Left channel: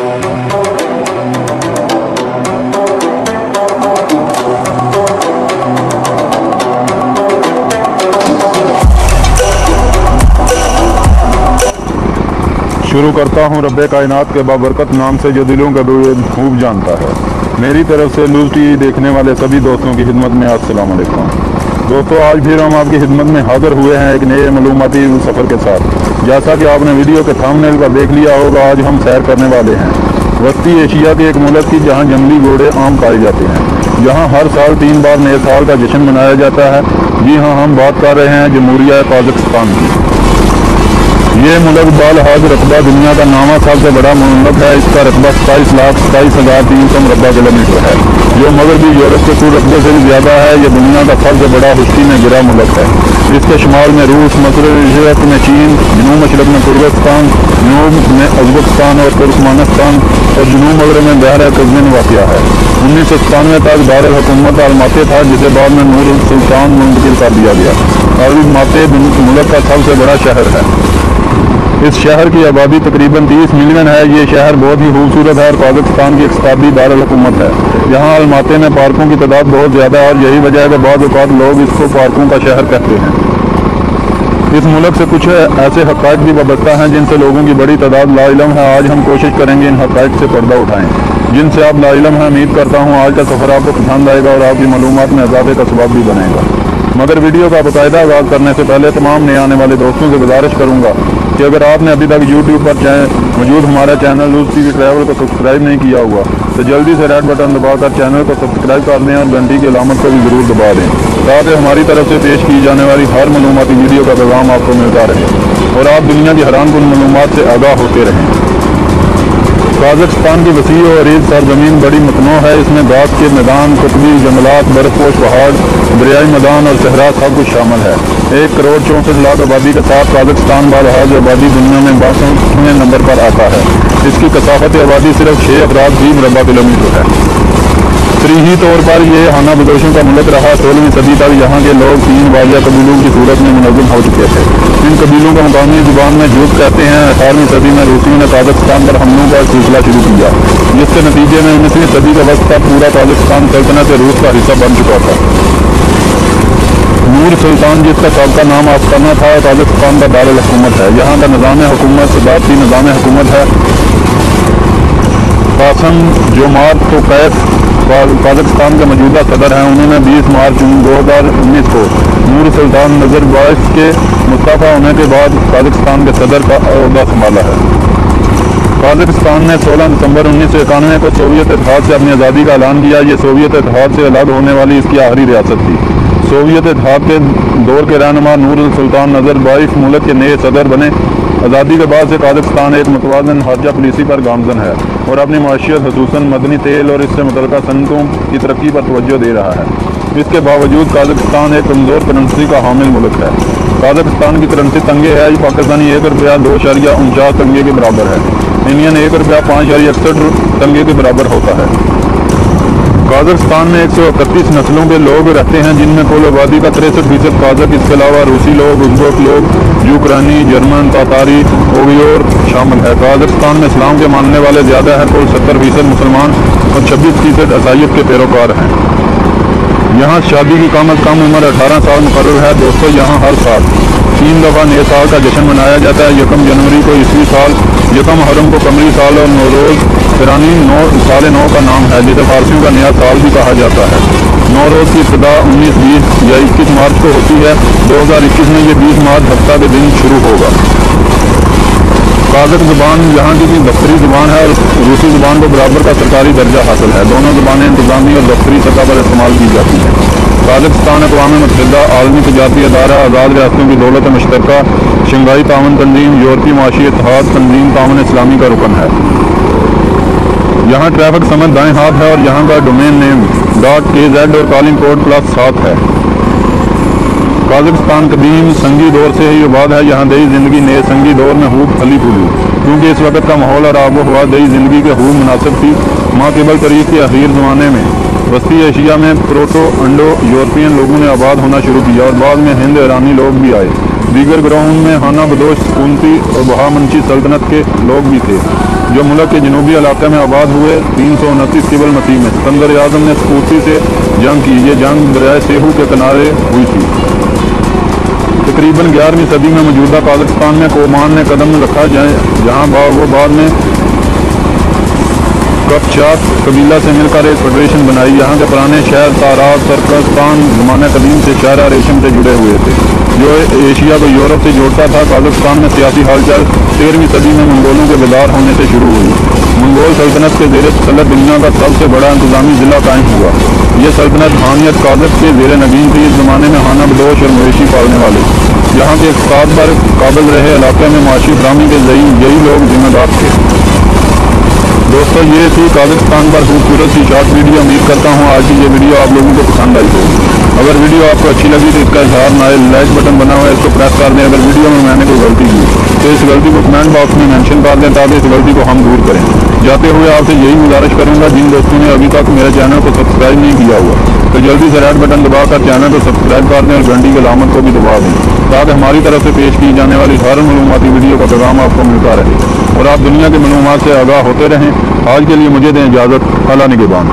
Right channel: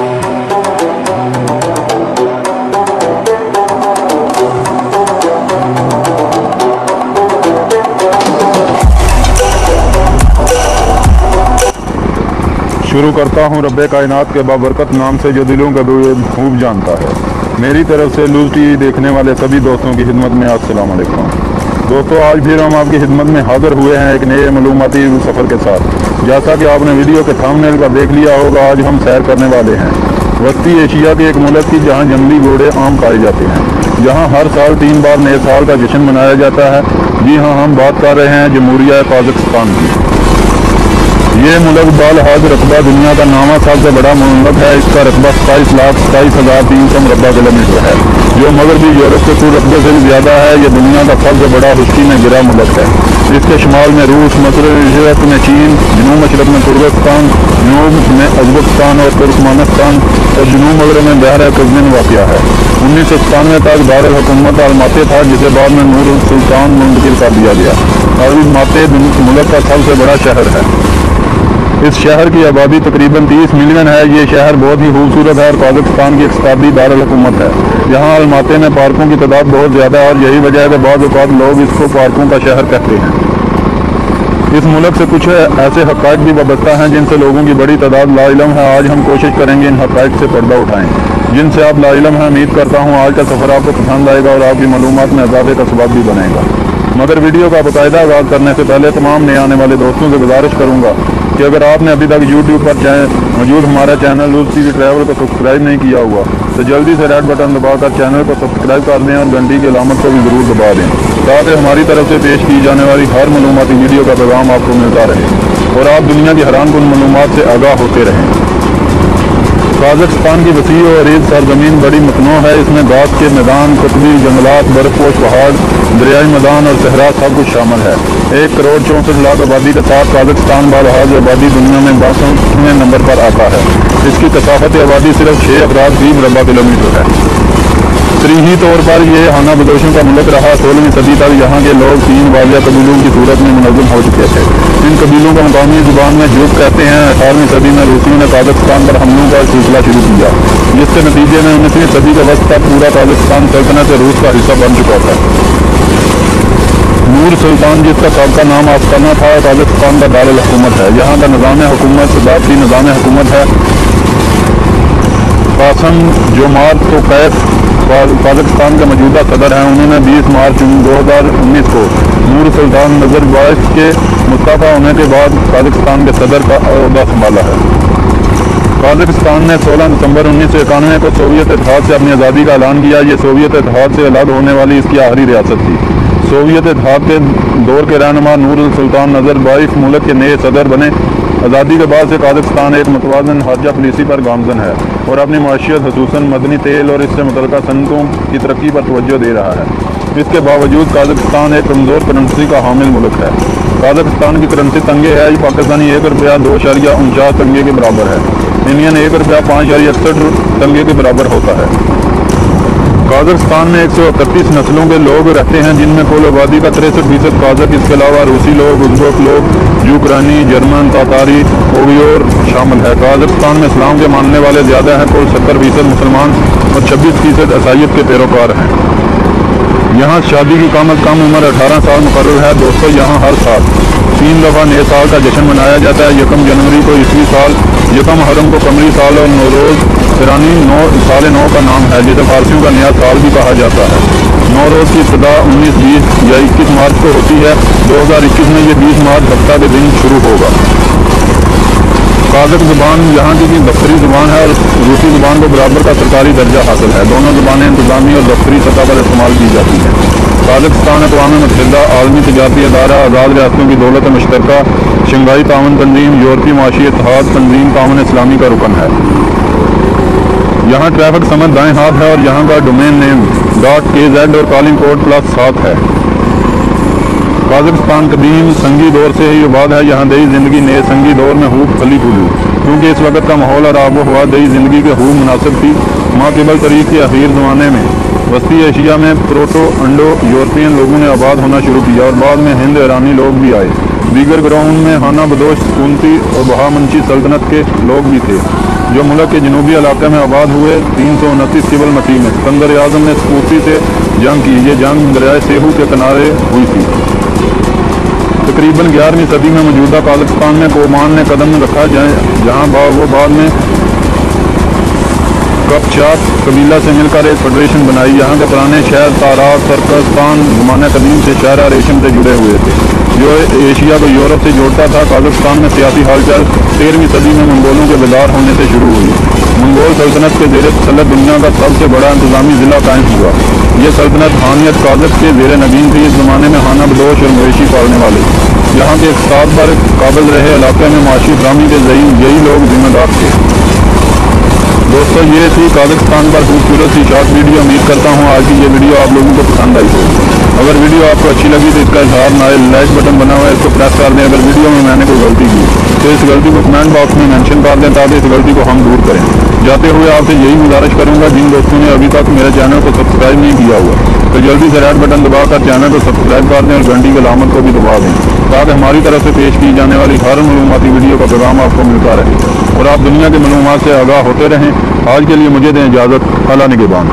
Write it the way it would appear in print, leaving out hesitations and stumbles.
शुरू करता हूँ रब्बे कायनात के बाबरकत नाम से जो दिलों का खूब जानता है। मेरी तरफ से न्यूज़ टीवी देखने वाले सभी दोस्तों की खिदमत में अस्सलाम वालेकुम। दोस्तों, आज फिर हम आपकी खिदमत में हाजिर हुए हैं एक नए मालूमाती सफ़र के साथ। जैसा कि आपने वीडियो के थंबनेल का देख लिया होगा, आज हम सैर करने वाले हैं वस्ती एशिया के एक मुल्क की जहाँ जंगली घोड़े आम पाए जाते हैं। यहाँ हर साल 3 बार नए साल का जश्न मनाया जाता है। जी हाँ, हम बात कर रहे हैं जमहूरिया पाकिस्तान की। ये मुल्क बालहाज रकबा दुनिया का नामा सबसे बड़ा मुल्क है। इसका रकबा 27,27,300 रकबा किलोमीटर है, जो मगर भी यूरोप के कुल रकबे से भी ज़्यादा है। ये दुनिया का सबसे बड़ा खुश्की में गिरा मुल्क है। इसके शुमार में रूस, मशरक़ में चीन, जनूब मशरक़ में तुर्कस्तान, जनूब में उज़्बेकिस्तान और तुर्कमानिस्तान और जनूब मगरब में बहर कुज़्मिन वाक़या है। 1997 तक दारुल हुकूमत अलमाते था, जिसे बाद में नूर सुल्तान मुंतकिल कर दिया गया। और अलमाते मुल्क का सबसे बड़ा शहर है। इस शहर की आबादी तकरीबन 30 मिलियन है। ये शहर बहुत ही खूबसूरत है और पाकिस्तान की इक़्तिसादी दारुल हुकूमत है। यहाँ अलमाते में पार्कों की तादाद बहुत ज़्यादा है और यही वजह है कि बाद औक़ात लोग इसको पार्कों का शहर कहते हैं। इस मुल्क से कुछ ऐसे हक़ाइक़ भी वाबस्ता हैं जिनसे लोगों की बड़ी तादाद लाइलम है। आज हम कोशिश करेंगे इन हक़ाइक़ से पर्दा उठाएँ जिनसे आप लाइलम हैं। उम्मीद करता हूँ आज का सफ़र आपको पसंद आएगा और आपकी मालूमात में इजाफे का सबब भी बनेगा। मगर वीडियो का बाकायदा आगाज़ करने से पहले तमाम नए आने वाले दोस्तों से गुजारिश करूँगा कि अगर आपने अभी तक YouTube पर मौजूद हमारा चैनल न्यूज़ टीवी ट्रैवल को सब्सक्राइब नहीं किया हुआ तो जल्दी से रेड बटन दबाकर चैनल को सब्सक्राइब कर दें और घंटी की अलामत को भी ज़रूर दबा दें ताकि हमारी तरफ से पेश की जाने वाली हर मालूमाती वीडियो का पैगाम आपको मिलता रहे और आप दुनिया की हैरानकुन मालूमात से आगाह होते रहें। काज़ाख्स्तान की वसीअ और रेत सरजमीन बड़ी मतनू है। इसमें घास के मैदान, कश्मीर जंगलात, बर्फपोश पहाड़, दरियाई मैदान और सहरा सब कुछ शामिल है। 1 करोड़ 64 लाख आबादी के साथ काज़ाख्स्तान बालहाज आबादी दुनिया में 62वें नंबर पर आता है। इसकी कसाफत आबादी सिर्फ 6 अफराद फी मुरबा किलोमीटर है। तरीही तौर पर यह खाना बदोशी का मुल्क रहा। 16वीं सदी तक यहाँ के लोग 3 वालिया कबीलों की सूरत में मुनज़्ज़म हो चुके थे। इन कबीलों को मकामी ज़ुबान में जूट कहते हैं। 18वीं सदी में रूसियों ने काज़ाख्स्तान पर हमलों का सिलसिला शुरू किया, जिसके नतीजे में 19वीं सदी के वक्त तक पूरा काज़ाख्स्तान सल्तनत रूस का हिस्सा बन चुका था। नूर सुल्तान, जिसका सबका नाम आस्ताना था, काज़ाख्स्तान का दारुल हुकूमत है। यहाँ का निज़ाम हुकूमत सदारती निज़ाम हुकूमत है। कासिम जोमार्त तोक़ैफ़ पाकिस्तान के मौजूदा सदर हैं। उन्होंने 20 मार्च 2019 को नूर सुल्तान नज़रबायफ के मुस्तफ़ा होने के बाद पाकिस्तान के सदर का ओहदा संभाला है। पाकिस्तान ने 16 दिसंबर 1991 को सोवियत इत्तेहाद से अपनी आज़ादी का ऐलान किया। ये सोवियत इत्तेहाद से अलग होने वाली इसकी आखिरी रियासत थी। सोवियत इत्तेहाद के दौर के रहनुमा नूर सुल्तान नज़रबायफ मुल्क के नए सदर बने। आज़ादी के बाद से पाकिस्तान एक मुतवाज़िन खारजा पॉलिसी पर गामज़न है और अपनी माशियत खसूसन मदनी तेल और इससे मुतल्लिक़ सनतों की तरक्की पर तवज्जो दे रहा है। इसके बावजूद काज़ाख्स्तान एक कमज़ोर करेंसी का हामिल मुल्क है। काज़ाख्स्तान की करेंसी तंगे है। पाकिस्तानी 1 रुपया 2.49 तंगे के बराबर है। इंडियन 1 रुपया 5.61 तंगे के बराबर होता है। काज़ाख्स्तान में 131 नस्लों के लोग रहते हैं, जिनमें कुल आबादी का 63% काज़ाक, इसके अलावा रूसी लोग, उज़्बेक लोग, यूक्रानी, जर्मन, तातारी, उइग़ुर शामिल है। काज़ाख्स्तान में इस्लाम के मानने वाले ज़्यादा है। कुल 70% मुसलमान और 26% ईसाइयत के पैरोकार हैं। यहाँ शादी की कम अज़ कम उम्र 18 साल मुकर्रर है। दोस्तों, यहाँ हर साल 3 दफ़ा नए साल का जश्न मनाया जाता है। 1 जनवरी को ईस्वी साल, 1 मुहर्रम को कमरी साल और नौरोज़ ईरानी 9 का नाम है, जिसे फारसियों का नया साल भी कहा जाता है। नौरोज़ की इब्तिदा 19-20 या 21 मार्च को होती है। 2021 में ये 20 मार्च हफ्ता के दिन शुरू होगा। काज़ाक ज़ुबान यहाँ की दफ्तरी ज़ुबान है। रूसी ज़ुबान के बराबर का सरकारी दर्जा हासिल है। दोनों ज़ुबानें इंतज़ामी और दफ्तरी सतह पर इस्तेमाल की जाती हैं। काज़ाख्स्तान अक़वाम मुत्तहिदा, आलमी तजारती अदारा, आज़ाद रियासतों की दौलत मुश्तरका, शंघाई ताउन तंजीम, यूरोपीय माशी इत्तेहाद तंजीम, ताउन इस्लामी का रुकन है। यहाँ ट्रैफिक समझ दाएँ हाथ है और यहाँ का डोमेन नेम .kz और कॉलिंग कोड +7 है। काज़ाख्स्तान कदीम संगी दौर से ही आबाद है। यहाँ दही ज़िंदगी नए संगी दौर में खूब फली फूली, क्योंकि इस वक्त का माहौल और आबो हवा दही ज़िंदगी के खूब मुनासिब थी। माक़िबल तरीक़ के अखीर ज़माने में वस्ती एशिया में प्रोटो इंडो यूरोपियन लोगों ने आबाद होना शुरू किया और बाद में हिंद ईरानी लोग भी आए। दीगर ग्राउंड में खाना बदोश, ऊंटी और बहामंशी सल्तनत के लोग भी थे, जो मुल्क के जनूबी इलाके में आबाद हुए 329 सिविल मसीह में सिकंदर आजम ने स्कूटी से जंग की। ये जंग दरिया सेबू के किनारे हुई थी। तकरीबन 11वीं सदी में मौजूदा पाकिस्तान में ओमान ने कदम रखा जाए, जहाँ बाद में कपचाक कबीला से मिलकर एक फेडरेशन बनाई। यहाँ के पुराने शहर तारात सर्कस खान ज़माने कदीम से शहर रेशम से जुड़े हुए थे, जो एशिया को यूरोप से जोड़ता था। पाकिस्तान में सियासी हलचल 13वीं सदी में मंगोलों के गुजार होने से शुरू हुई। मंगोल सल्तनत के ज़ेर सल्तनत दुनिया का सबसे बड़ा इंतजामी ज़िला कायम हुआ। ये सल्तनत खानियत काबिल के ज़ेर नगीन थी। इस ज़माने में खाना बदोश और मवेशी पालने वाले यहाँ के इक़्तिसाद पर काबिल रहे। इलाके में माशी फराहमी के यही लोग जिम्मेदार थे। दोस्तों, ये थी पाकिस्तान का खूबसूरत सी शॉर्ट वीडियो। उम्मीद करता हूँ आज की ये वीडियो आप लोगों को पसंद आई। अगर वीडियो आपको अच्छी लगी तो इसका इजहार लाइक बटन बना हुआ है, इसको प्रेस कर दें। अगर वीडियो में मैंने कोई गलती की तो इस गलती को कमेंट बॉक्स में मेंशन कर दें, ताकि इस गलती को हम दूर करें। जाते हुए आपसे यही गुजारिश करूँगा, जिन दोस्तों ने अभी तक मेरे चैनल को सब्सक्राइब नहीं किया हो तो जल्दी से रेड बटन दबाकर चैनल को सब्सक्राइब कर दें और घंटी की अलामत को भी दबा दें, ताकि हमारी तरफ से पेश की जाने वाली हर मालूमाती वीडियो का पैगाम आपको मिलता रहे और आप दुनिया की मालूमात से आगाह होते रहें। आज के लिए मुझे दें इजाज़त। अल्लाह निगहबान।